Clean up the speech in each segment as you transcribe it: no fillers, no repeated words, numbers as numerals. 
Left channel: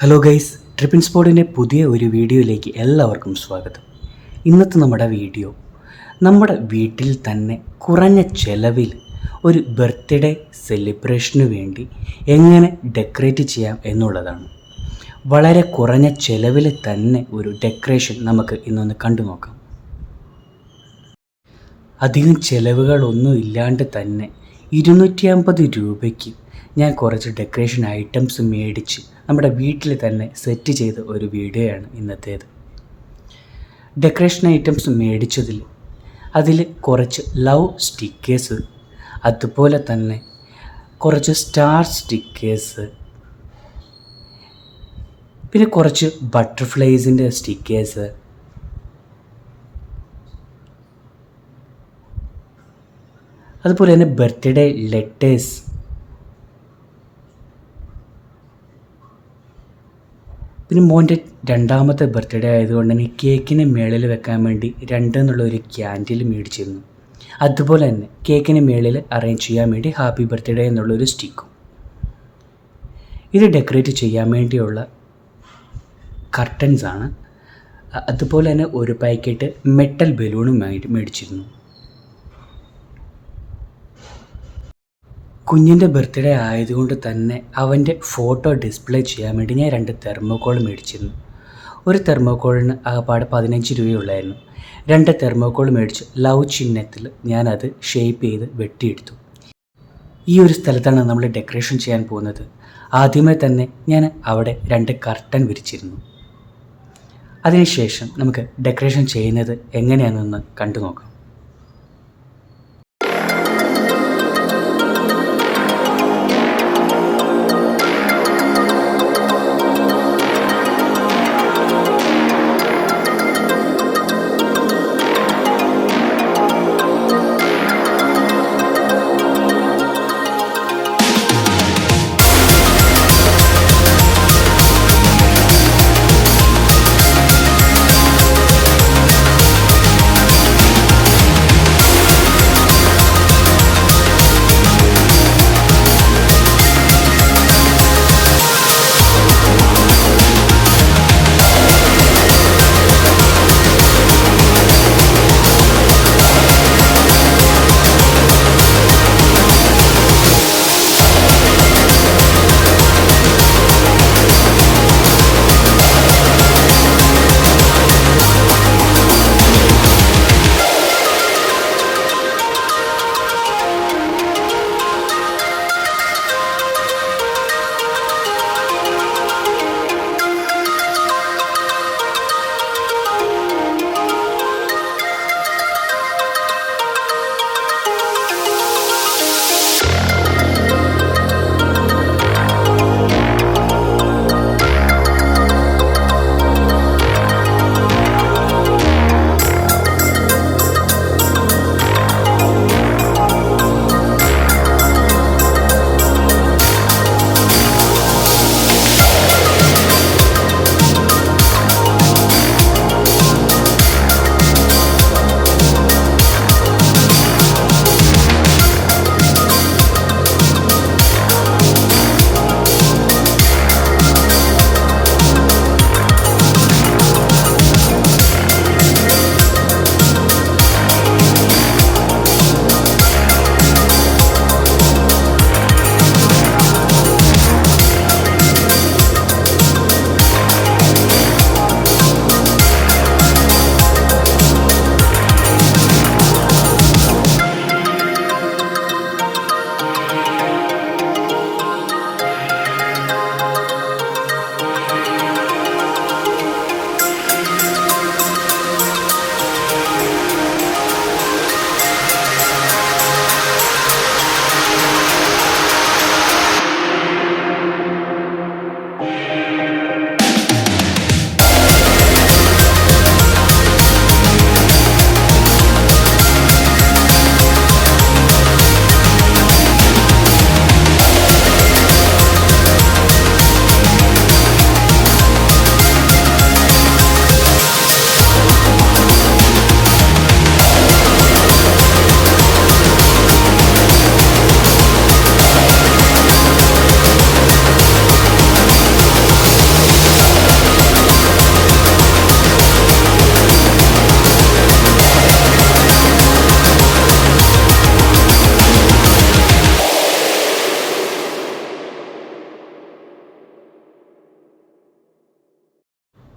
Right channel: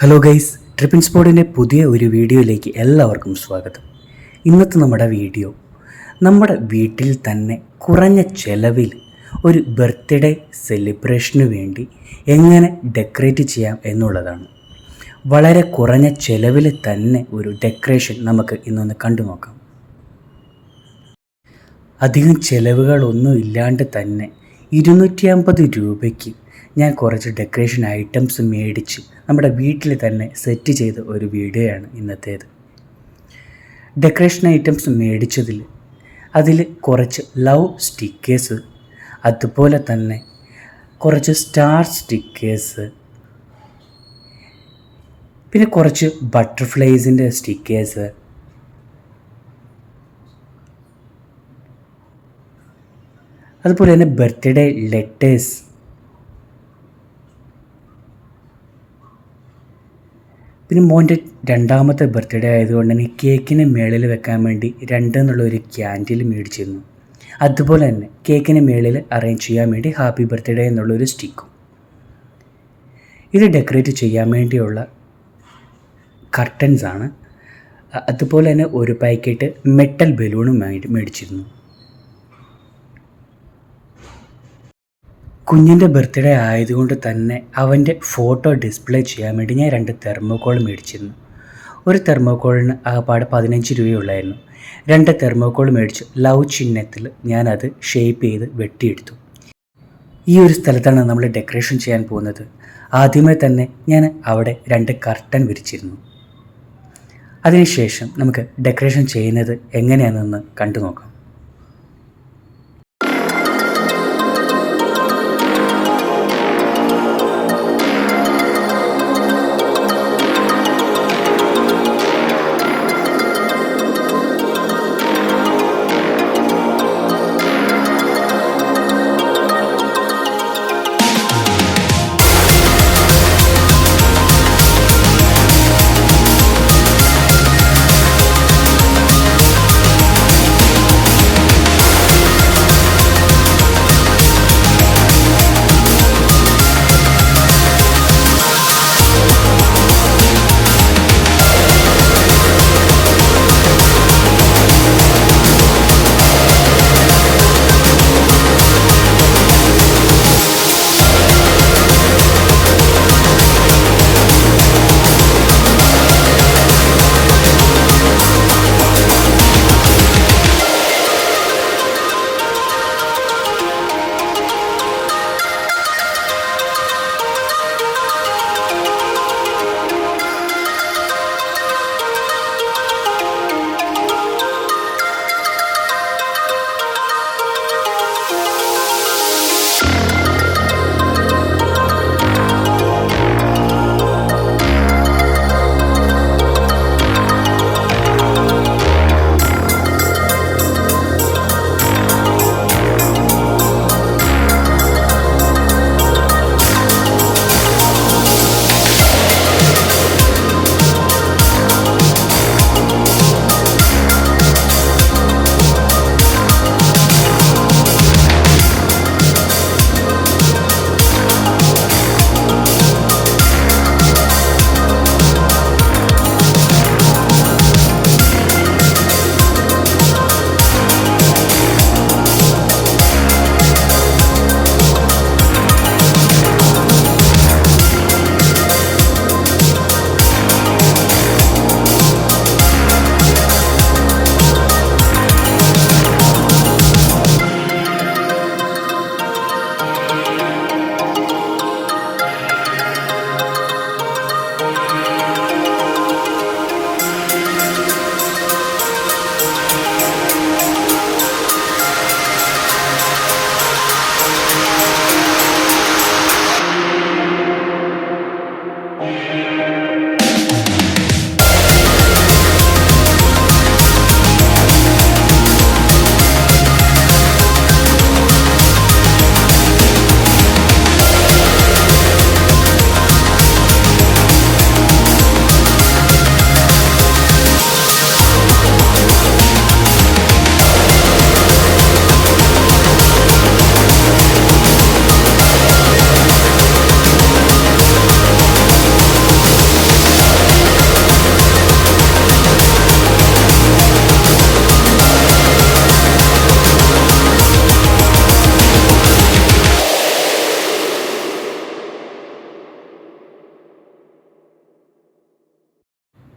Hello guys, ട്രിപ്പിൻ സ്പോട്ടിൻ്റെ പുതിയ ഒരു വീഡിയോയിലേക്ക് എല്ലാവർക്കും സ്വാഗതം. ഇന്നത്തെ നമ്മുടെ വീഡിയോ നമ്മുടെ വീട്ടിൽ തന്നെ കുറഞ്ഞ ചെലവിൽ ഒരു ബർത്ത്ഡേ സെലിബ്രേഷന് വേണ്ടി എങ്ങനെ ഡെക്കറേറ്റ് ചെയ്യാം എന്നുള്ളതാണ്. വളരെ കുറഞ്ഞ ചെലവിൽ തന്നെ ഒരു ഡെക്കറേഷൻ നമുക്ക് ഇന്നൊന്ന് കണ്ടു നോക്കാം. അധികം ചിലവുകളൊന്നും ഇല്ലാണ്ട് തന്നെ 250 രൂപയ്ക്ക് ഞാൻ കുറച്ച് ഡെക്കറേഷൻ ഐറ്റംസ് മേടിച്ച് നമ്മുടെ വീട്ടിൽ തന്നെ സെറ്റ് ചെയ്ത ഒരു വീഡിയോയാണ് ഇന്നത്തേത്. ഡെക്കറേഷൻ ഐറ്റംസ് മേടിച്ചതിൽ അതിൽ കുറച്ച് ലവ് സ്റ്റിക്കേഴ്സ്, അതുപോലെ തന്നെ കുറച്ച് സ്റ്റാർ സ്റ്റിക്കേഴ്സ്, പിന്നെ കുറച്ച് ബട്ടർഫ്ലൈസിൻ്റെ സ്റ്റിക്കേഴ്സ്, അതുപോലെ തന്നെ ബർത്ത്ഡേ ലെറ്റേഴ്സ്, പിന്നെ മോൻ്റെ രണ്ടാമത്തെ ബർത്ത്ഡേ ആയതുകൊണ്ട് തന്നെ കേക്കിന് മേളിൽ വെക്കാൻ വേണ്ടി 2 എന്നുള്ളൊരു ക്യാൻഡിൽ മേടിച്ചിരുന്നു. അതുപോലെ തന്നെ കേക്കിന് മേളിൽ അറേഞ്ച് ചെയ്യാൻ വേണ്ടി ഹാപ്പി ബർത്ത്ഡേ എന്നുള്ളൊരു സ്റ്റിക്കും. ഇത് ഡെക്കറേറ്റ് ചെയ്യാൻ വേണ്ടിയുള്ള കർട്ടൻസാണ്. അതുപോലെ തന്നെ ഒരു പാക്കറ്റ് മെറ്റൽ ബലൂണും മേടിച്ചിരുന്നു. കുഞ്ഞിൻ്റെ ബർത്ത്ഡേ ആയതുകൊണ്ട് തന്നെ അവൻ്റെ ഫോട്ടോ ഡിസ്പ്ലേ ചെയ്യാൻ വേണ്ടി ഞാൻ 2 തെർമോക്കോൾ മേടിച്ചിരുന്നു. ഒരു തെർമോക്കോളിന് ആകപ്പാട് 15 രൂപയുള്ളായിരുന്നു. 2 തെർമോക്കോൾ മേടിച്ച് ലവ് ചിഹ്നത്തിൽ ഞാനത് ഷേപ്പ് ചെയ്ത് വെട്ടിയെടുത്തു. ഈ ഒരു സ്ഥലത്താണ് നമ്മൾ ഡെക്കറേഷൻ ചെയ്യാൻ പോകുന്നത്. ആദ്യമേ തന്നെ ഞാൻ അവിടെ 2 കർട്ടൻ വിരിച്ചിരുന്നു. അതിനുശേഷം നമുക്ക് ഡെക്കറേഷൻ ചെയ്യുന്നത് എങ്ങനെയാണെന്ന് കണ്ടു നോക്കാം.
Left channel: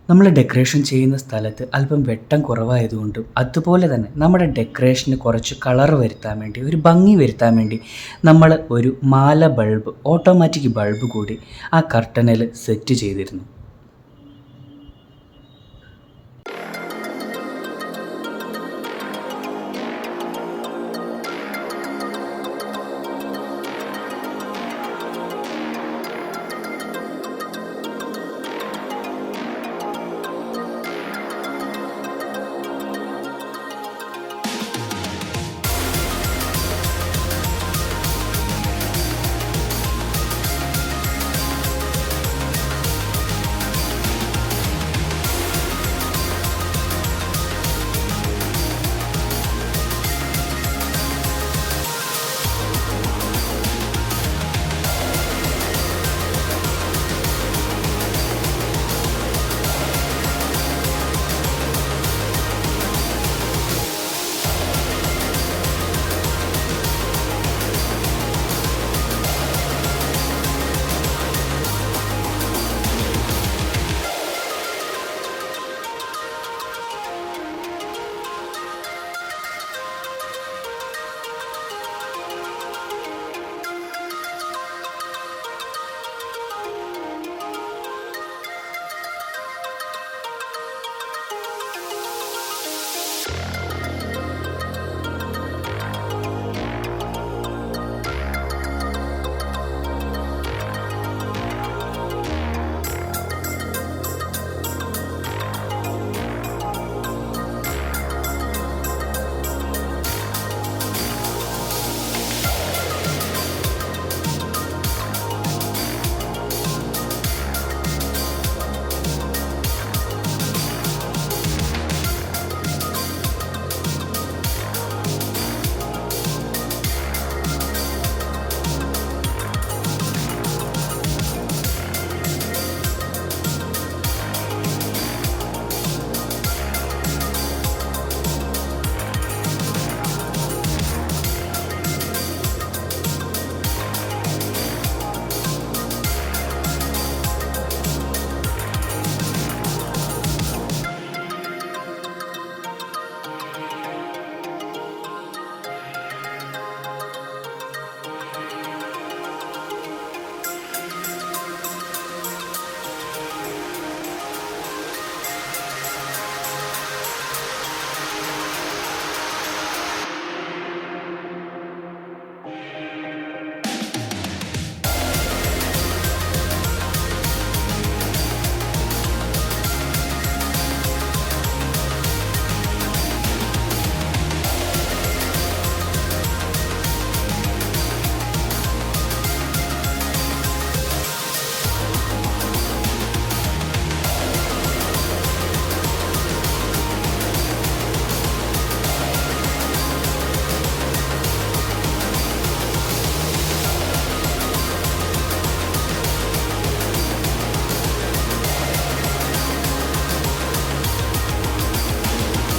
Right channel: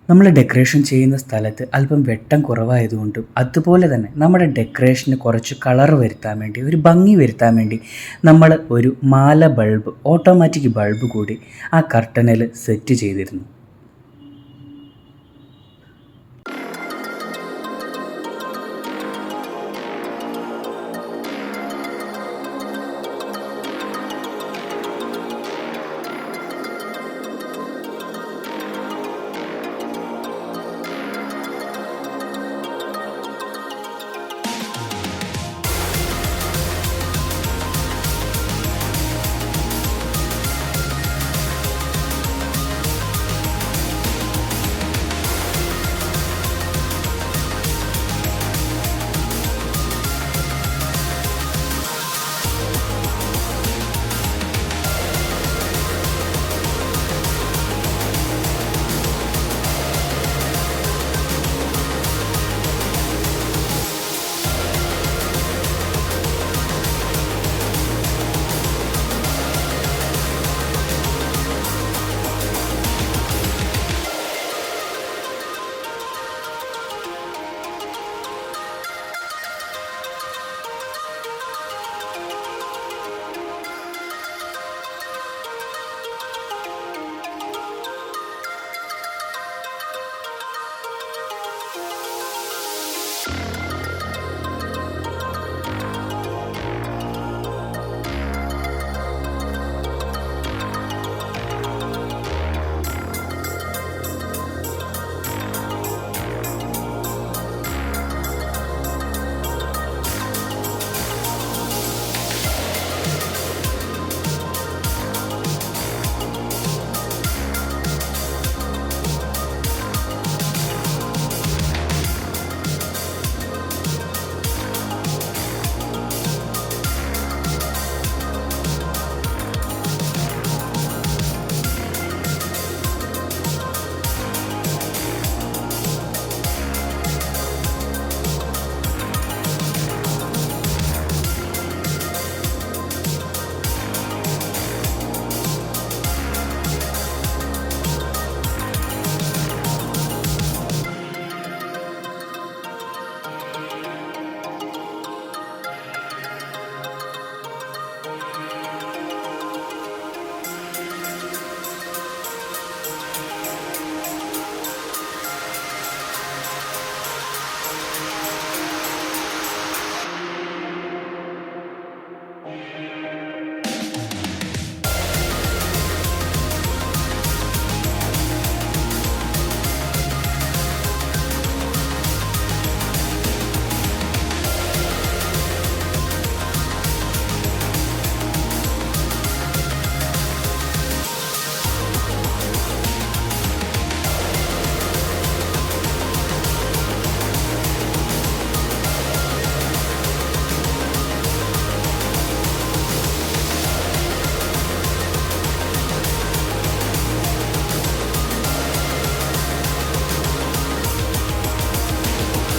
നമ്മൾ ഡെക്കറേഷൻ ചെയ്യുന്ന സ്ഥലത്ത് അല്പം വെട്ടം കുറവായതുകൊണ്ടും അതുപോലെ തന്നെ നമ്മുടെ ഡെക്കറേഷന് കുറച്ച് കളർ വരുത്താൻ വേണ്ടി, ഒരു ഭംഗി വരുത്താൻ വേണ്ടി നമ്മൾ ഒരു മാല ബൾബ്, ഓട്ടോമാറ്റിക് ബൾബ് കൂടി ആ കർട്ടനിൽ സെറ്റ് ചെയ്തിരുന്നു.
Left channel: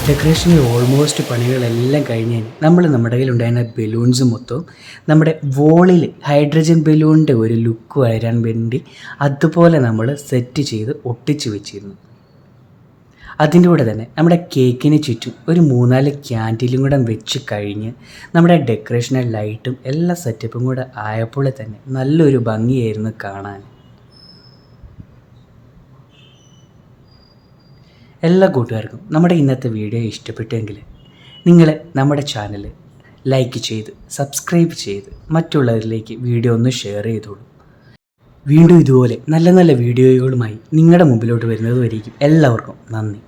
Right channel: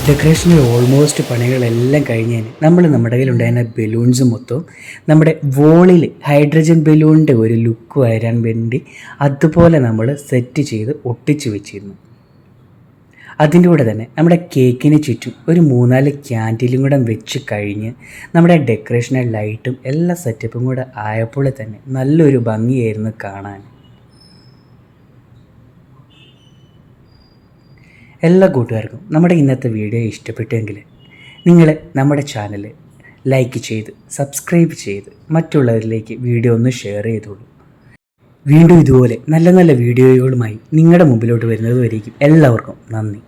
ഡെക്കറേഷനിൽ ഓൾമോസ്റ്റ് പണികളെല്ലാം കഴിഞ്ഞതിന് നമ്മൾ നമ്മുടെ കയ്യിലുണ്ടായിരുന്ന ബലൂൺസ് മൊത്തവും നമ്മുടെ വോളിൽ ഹൈഡ്രജൻ ബലൂണിൻ്റെ ഒരു ലുക്ക് വരാൻ വേണ്ടി അതുപോലെ നമ്മൾ സെറ്റ് ചെയ്ത് ഒട്ടിച്ച് വെച്ചിരുന്നു. അതിൻ്റെ കൂടെ തന്നെ നമ്മുടെ കേക്കിന് ചുറ്റും ഒരു 3-4 ക്യാൻഡിലും കൂടെ വെച്ച് കഴിഞ്ഞ് നമ്മുടെ ഡെക്കറേഷനെ ലൈറ്റും എല്ലാ സെറ്റപ്പും കൂടെ ആയപ്പോൾ തന്നെ നല്ലൊരു ഭംഗിയായിരുന്നു കാണാൻ. എല്ലാ കൂട്ടുകാർക്കും നമ്മുടെ ഇന്നത്തെ വീഡിയോ ഇഷ്ടപ്പെട്ടെങ്കിൽ നിങ്ങൾ നമ്മുടെ ചാനൽ ലൈക്ക് ചെയ്ത് സബ്സ്ക്രൈബ് ചെയ്ത് മറ്റുള്ളവരിലേക്ക് വീഡിയോ ഒന്ന് ഷെയർ ചെയ്തോളൂ. വീണ്ടും ഇതുപോലെ നല്ല നല്ല വീഡിയോകളുമായി നിങ്ങളുടെ മുമ്പിലോട്ട് വരുന്നത് വരേക്കും എല്ലാവർക്കും നന്ദി.